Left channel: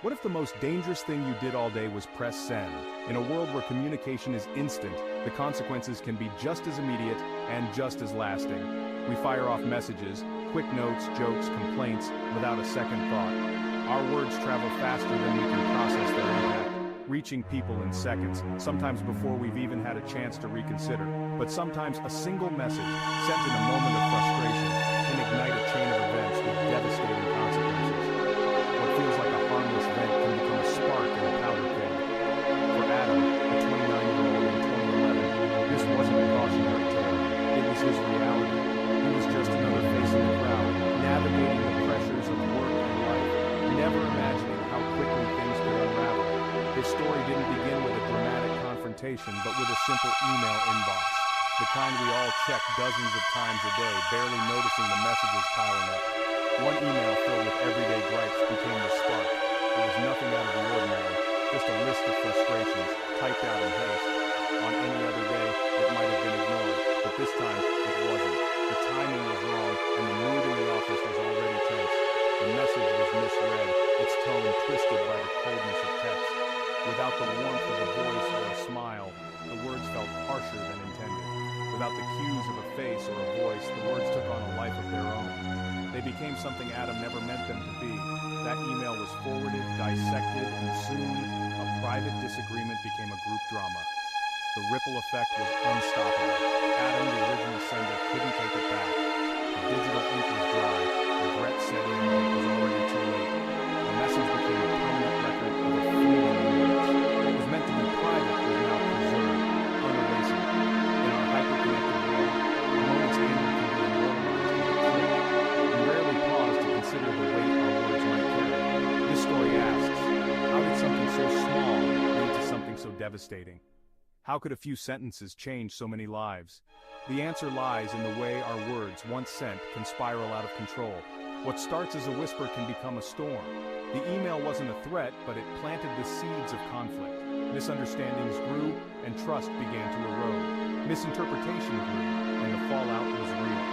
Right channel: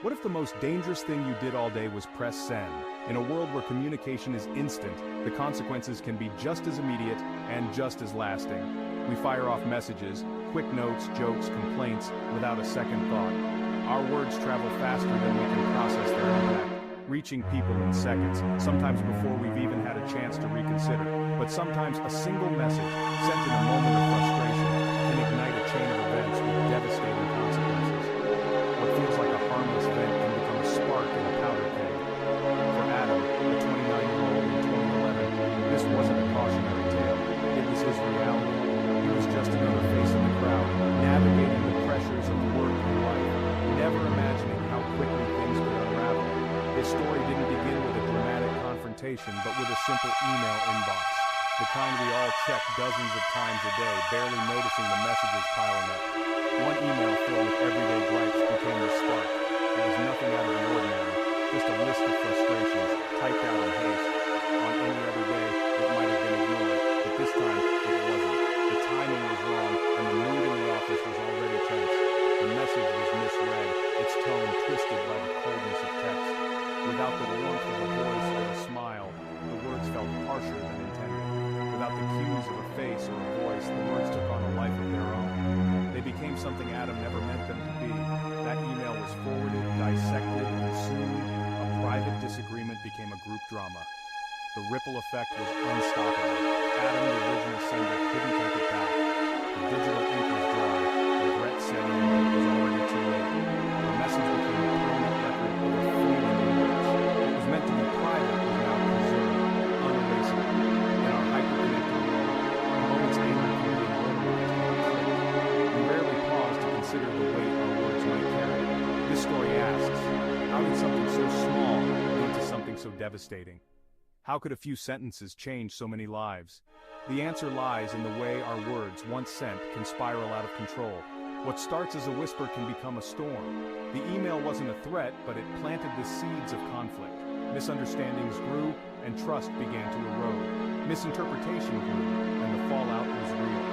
What if the most dangerous thing you did all day was press send? In a world where communication is instant, the consequences can be just as immediate and just as lasting. We fire off messages, quick notes, jokes, complaints, without a second thought. Our words travel faster than we can process their impact, reaching people in seconds, sometimes before we've even had a chance to reconsider. But sometimes a single message, sent in a moment of frustration, can ignite a chain of events with devastating consequences. What feels like a harmless event can become a spark in a powder keg. For Adam, a 29-year-old in 2011, this wasn't a cautionary tale. It was his reality. He was just another face in the crowd, navigating the pressures of work and life, never imagining how quickly things could unravel. His story didn't begin with a dramatic confrontation, but with a simple email inbox. The kind we all check dozens of times a day, barely noticing the messages piling up. One email filled with everyday gripes became the spark. It was nothing out of the ordinary, just a list of frustrations, typed out in haste. On any other day, it might have been ignored, but this time, it wasn't. The timing was wrong, and the mood in the office was already tense. The message was misread, its tone twisted by the coldness of text. Without the warmth of a voice or a smile, the words felt harsher than intended. Without the cues of a face or a voice, the words took on a life of their own. They became something Adam never meant them to be. That email was forwarded, dissected, and soon a private disagreement became a group drama. The ripple effect was unstoppable. Adam, the original sender, couldn't take it back. The digital ink was dry. Regret set in, but it was already too late. The message became a permanent record of a fleeting words. What was meant to be private was now preserved, unerasable. In our hyper-connected world, a moment's anger can be immortalized in a click. We rarely pause to consider the weight our words might carry. This story asks, how did something so small lead to something so devastating? How could a few sentences change so many lives? The answer lies in the way our words, once sent, can spiral out of control. What starts as a whisper can become a storm. The email wasn't a threat, but it planted the seeds of conflict. Misunderstandings grew, and trust began to erode. Misinterpretation grew, and the fallout was real.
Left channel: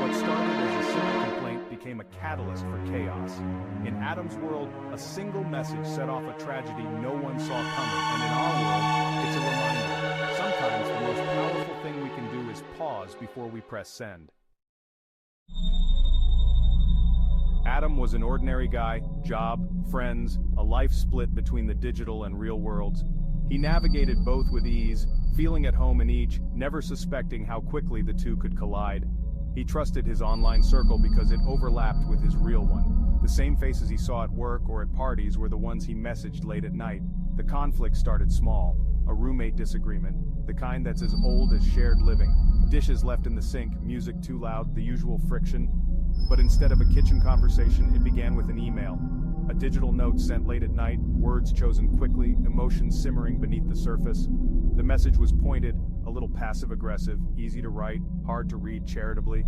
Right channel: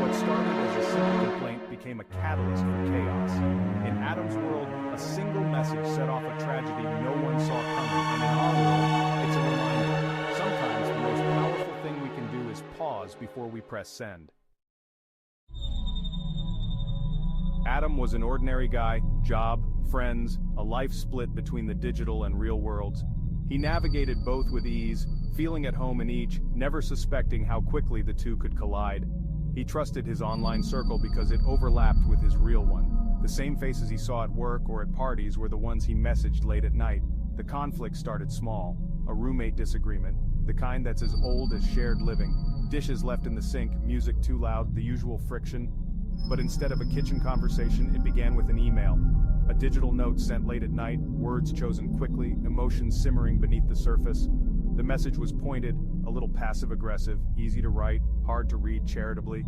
What started as a simple complaint became a catalyst for chaos. In Adam's world, a single message set off a tragedy no one saw coming, and in our world, it's a reminder. Sometimes the most powerful thing we can do is pause before we press send. Adam was an ordinary guy, job, friends, a life split between the digital and real worlds. He navigated both with ease, feeling at home in each, never suspecting how quickly the two could collide. He trusted his online circle because it overlapped with his real one. The same faces he saw at work or at parties were the ones he messaged late at night. The conflict started small. A roommate disagreement, the kind that's as old as shared living. Dishes left in the sink, music too loud, the usual friction. But instead of a kitchen conversation, it began with an email. A digital note sent late at night, words chosen quickly, emotions simmering beneath the surface. The message was pointed, a little passive-aggressive, easy to write, hard to read charitably.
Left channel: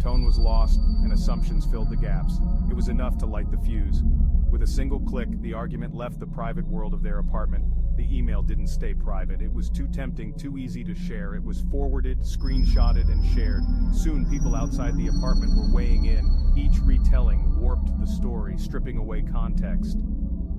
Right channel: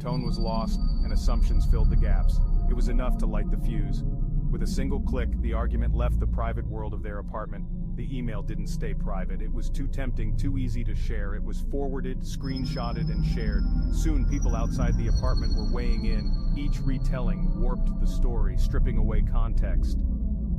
Tone was lost, and assumptions filled the gaps. It was enough to light the fuse. With a single click, the argument left the private world of their apartment. The email didn't stay private. It was too tempting, too easy to share. It was forwarded, screenshotted, and shared. Soon, people outside the apartment were weighing in. Each retelling warped the story, stripping away context.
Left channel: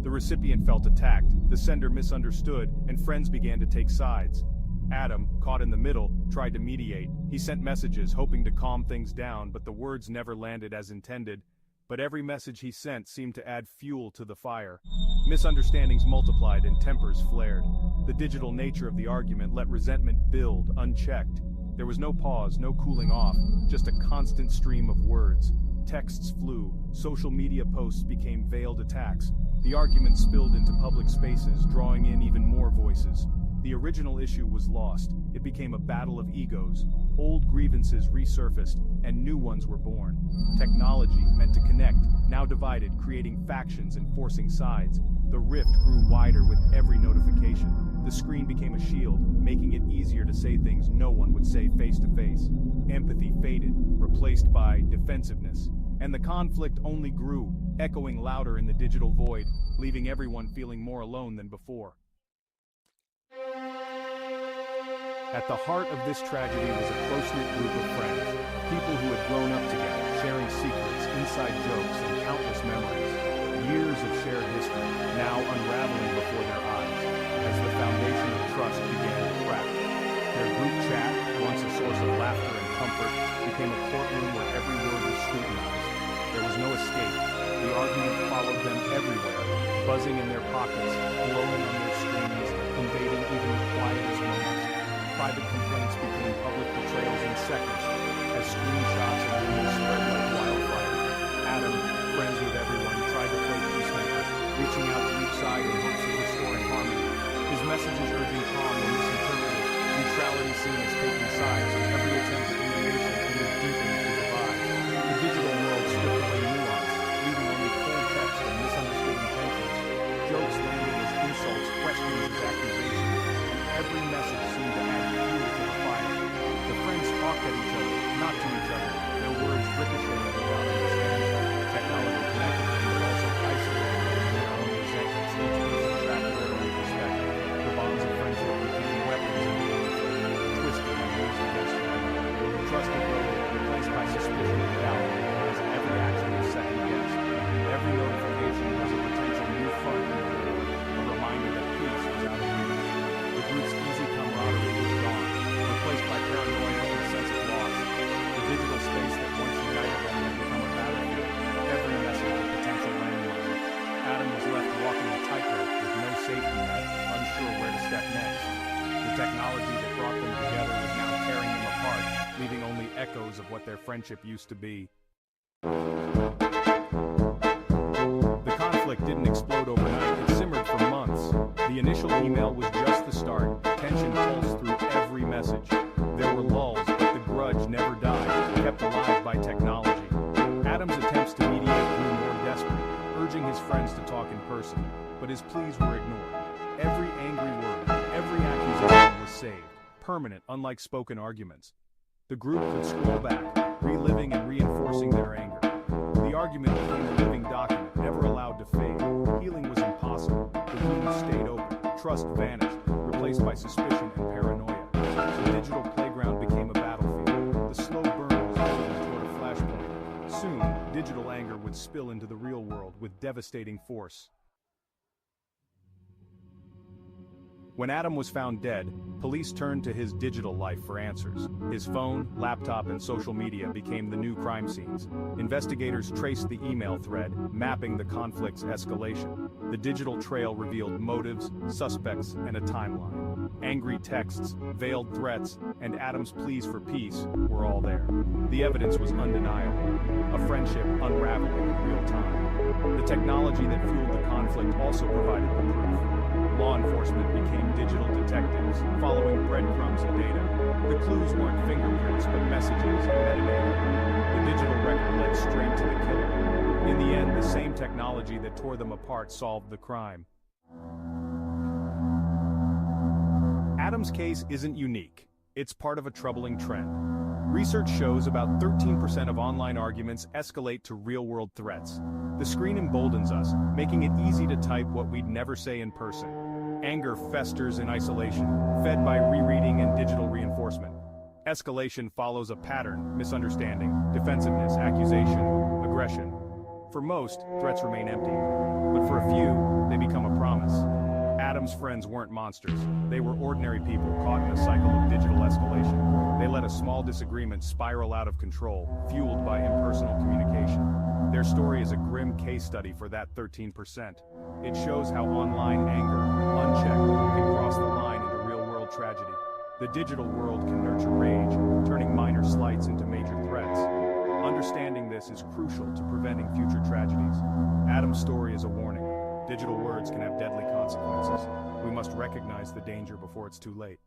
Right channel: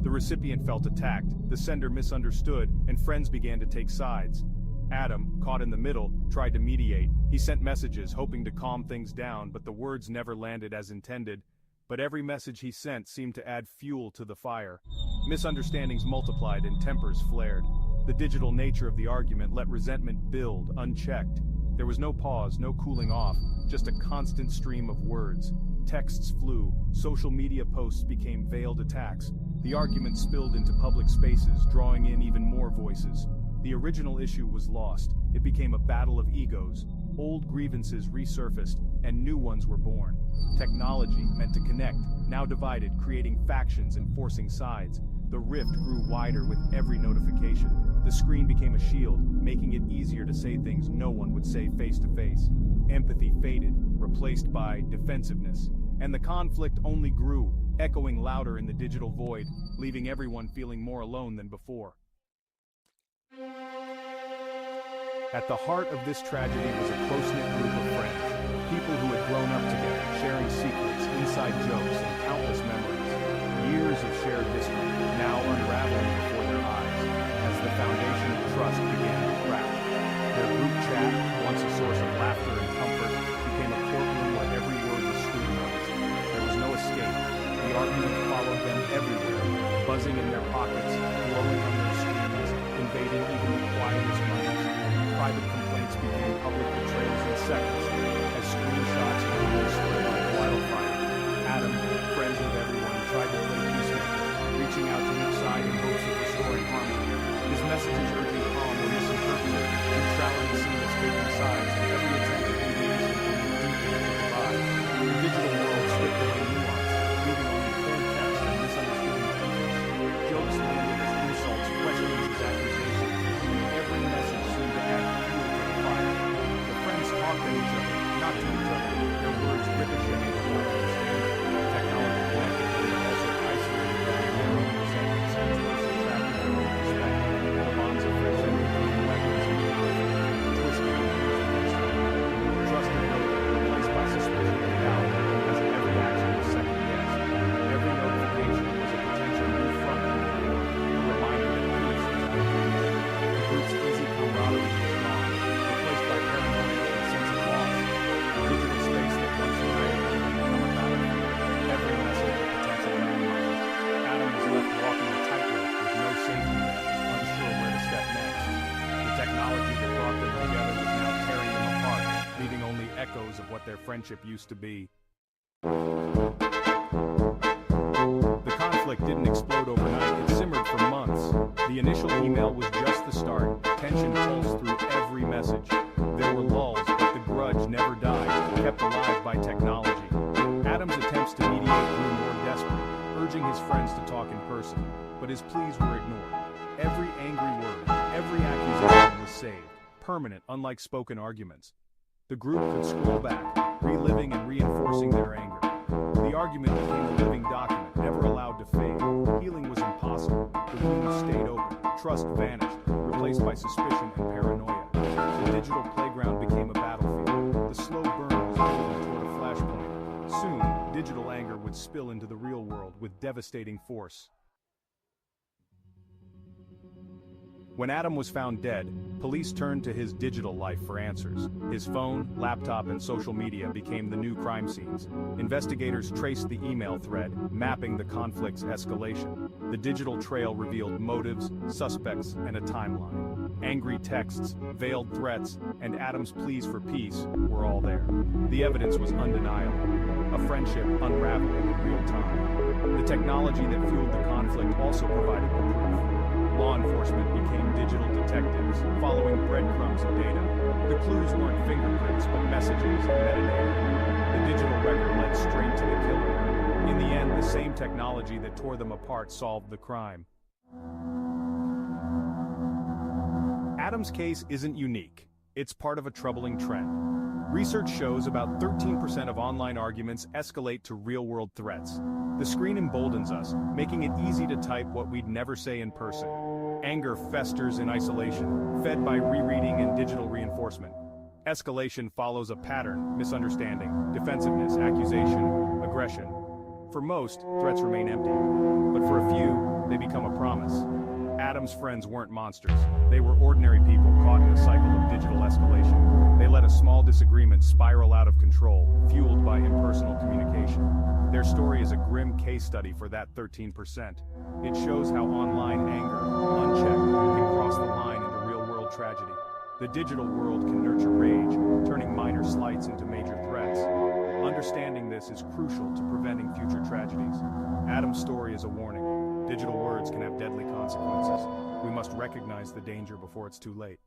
The recipient felt attacked, the sender misunderstood, and friends began to take sides. Adam, caught in the middle, tried to mediate. He sent messages, hoping to calm things down, but the words never landed as intended. But every message he sent seemed to add fuel to the fire. Misunderstandings multiplied and tempers flared. The digital nature of the argument let resentment build, unchecked. There was no pause, no cooling off, just a constant stream of words. Texts flew, social media posts became veiled attacks. The argument spilled into public spaces, drawing in even more voices. The original issue was lost. It became a battle of egos. Old grievances resurfaced, and new ones were born. Technology, meant to connect, now divided, creating factions and forcing sides. The rift grew wider with every notification. The screen became a shield, making it easier to say things no one would say face to face. Empathy faded, replaced by defensiveness. And the conflict only grew, echoing louder in the digital void, leaving everyone feeling more alone than before. At the heart of this tragedy was a close-knit group of friends, people who had grown up together, sharing secrets, inside jokes, and countless memories. Years of shared history, now unraveling before their eyes, as the foundation of trust began to crack. Their group chat, once a source of laughter and comfort, became a courtroom where every word was scrutinized. There was no escape. The argument followed them everywhere, buzzing in their pockets, glowing on their screens, invading even the quietest moments. Private complaints became public betrayals in seconds, as screenshots and rumors spread like wildfire. Adam, friends with everyone, tried to play peacemaker, reaching out to each side in hopes of restoring harmony. His messages urging calm were misinterpreted, neutrality seen as taking sides, and every attempt at mediation only deepened the divide. The digital world stripped away nuance, leaving only cold text and misunderstood intentions. Jokes landed as insults, questions as accusations, and every message seemed to add fuel to the fire. The friends talked at each other, not to each other, their words ricocheting without understanding. Technology connected them, but also isolated them in their own resentments, each person trapped in their own perspective. The bonds of friendship became weapons of conflict, twisted and used against one another. Trust eroded, replaced by suspicion and doubt, as every action was second-guessed. Every notification was a potential new front in the war, a reminder that peace was out of reach. The group's easy camaraderie was gone, replaced by paranoia and a sense of loss. The digital space that once united them had become a battlefield, every message a potential landmine. Adam was left walking a tightrope with no safety net, unsure where to step next. The technology that brought them together was now tearing them apart, leaving only echoes of what their friendship used to be. The conflict didn't explode overnight, it simmered for months. The initial email was just the start. Tension pulsed through every message. There were lulls, but the grudge never died, kept alive by technology. Adam's attempts to mediate grew more desperate, urging his friends to talk in person, but his pleas were ignored. Every angry word, every accusation was saved, permanent, unlike spoken arguments. The group could scroll back, reliving and reinforcing their anger. The argument became a living document, never allowed to fade. Healing was impossible. The wounds stayed open. Trust vanished, replaced by suspicion and paranoia. The digital playground became a battlefield. The slow burn was moving toward a flashpoint. Soon, digital anger would spill into the real world with devastating force. When Adam was found dead, police turned to his digital life for answers. His phone, laptop, and social media became the new crime scenes. Investigators traced the email thread, mapping the conflict's escalation. The digital trail revealed motives, suspects, and a timeline. Angry texts, veiled threats, and Adam's pleas for peace were all there. The evidence was undeniable. A friendship unraveling in real time. The technology that fueled the conflict also provided the proof. Law enforcement became digital detectives, following breadcrumbs of data. The clues weren't fingerprints, but messages and metadata. The digital record led straight to the killer. In the end, the same technology that tore them apart solved the crime. Adam's case isn't unique. It's part of a troubling trend. Research shows about 13% of online arguments escalate to real-world threats. The screen emboldens us, making it easy to type what we'd never say in person. Anger festers in isolation, fed by rereading and digital reinforcement. Escalation follows a pattern: misunderstanding, defensiveness, accusation, aggression. For most, threats remain empty. But for a few, they become a promise. Adam's friends weren't monsters. They were ordinary people caught in a cycle of digital escalation. They let a small disagreement spiral out of control, fueled by impersonal communication. Their story is a grim case study for that 13%. It shows how online anger, unchecked, can cross the line into real-world tragedy. The digital world can nurture rage, turning minor slights into major threats. Understanding this is crucial to preventing future tragedies. Adam's story is a warning. Digital words can have deadly consequences. We must recognize the danger before it's too late.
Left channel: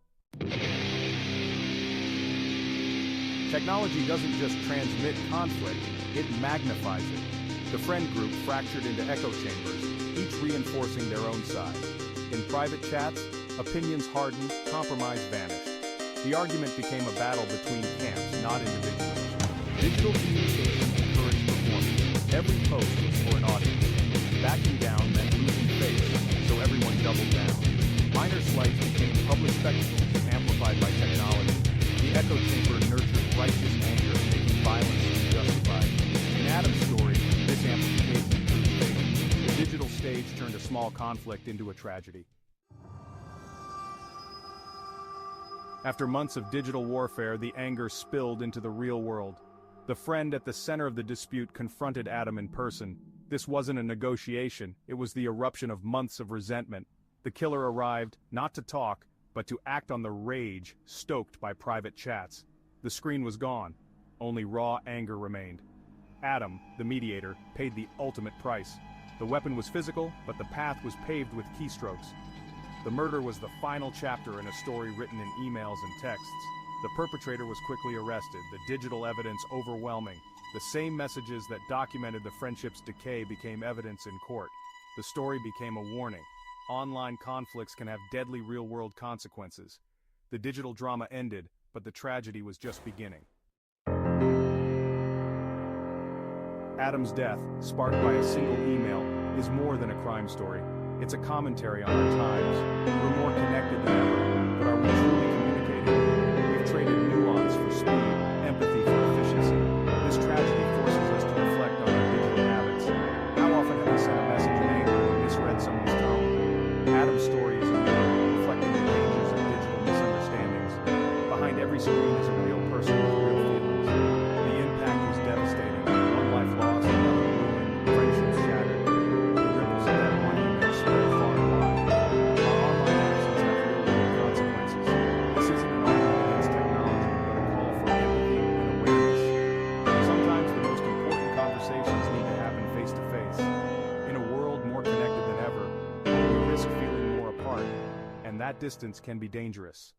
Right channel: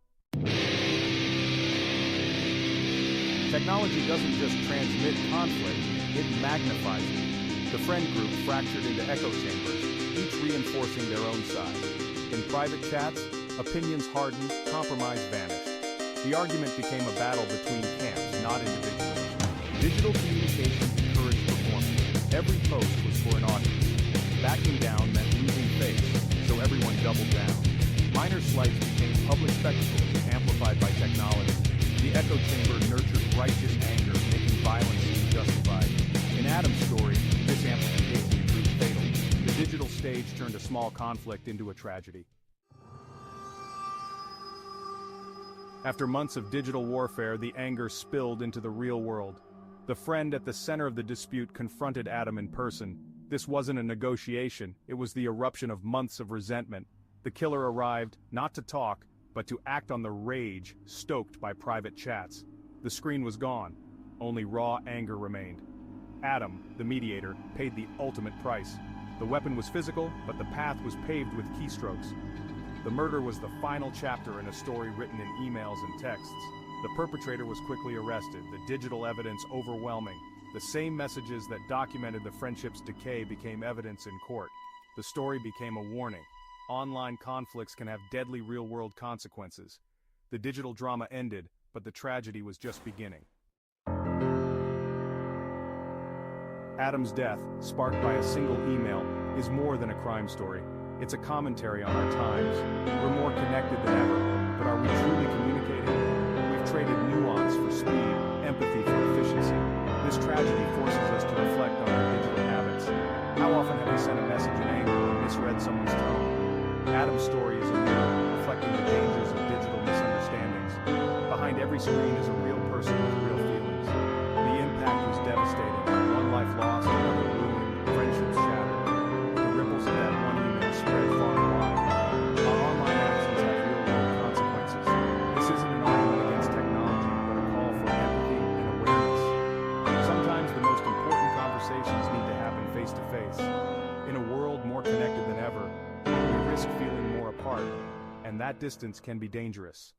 Technology doesn't just transmit conflict, it magnifies it. The friend group fractured into echo chambers, each reinforcing their own side. In private chats, opinions hardened, compromise vanished. The argument became a battle between camps, not individuals. Digital communication encouraged performance. Every post was for an audience. Backing down meant losing face, so everyone doubled down. Minor slights became public spectacles, amplified by technology. The echo chamber nurtured righteous anger, making violence seem justified. In Adam's story, this amplification proved fatal. The small conflict into a tragedy. After months of digital warfare, the anger spilled into the real world. The friend at the center of the dispute confronted Adam in person. This wasn't a negotiation, it was the eruption of months of resentment. The killer arrived, not to talk, but to act on the rage stoked by private chats. The screen was gone. Only raw anger remained. Adam, the mediator, paid the ultimate price. The weapon was physical, but the path was paved with keystrokes. The murder was the final chapter in a story written in emails and texts. The perpetrator was quickly arrested, the digital evidence overwhelming. The same messages that documented the friendship's decay became evidence in court. The story became a warning. Online conflicts can have deadly real-world consequences. The digital drama ended, but the tragedy was just beginning. Adam's death, sparked by a single email, is more than a crime story. It's a commentary on our times. We're more connected than ever, but are we truly communicating? We've traded nuance for speed, empathy for efficiency. This tragedy forces us to reflect on our digital habits. How often have we sent a message in anger or misread someone's tone? Adam's story is a mirror, reflecting the dangers of digital misunderstandings. Behind every screen is a real person with real feelings. The impact was devastating. One life lost, another ruined, friendships shattered. The ripples of that one email spread far and wide. Our online actions have real-world consequences. This isn't an argument against technology, but a call for empathy and awareness. Sometimes the most important conversations need to happen face-to-face. In a world more connected than ever, we risk feeling more apart, and that distance can be dangerous.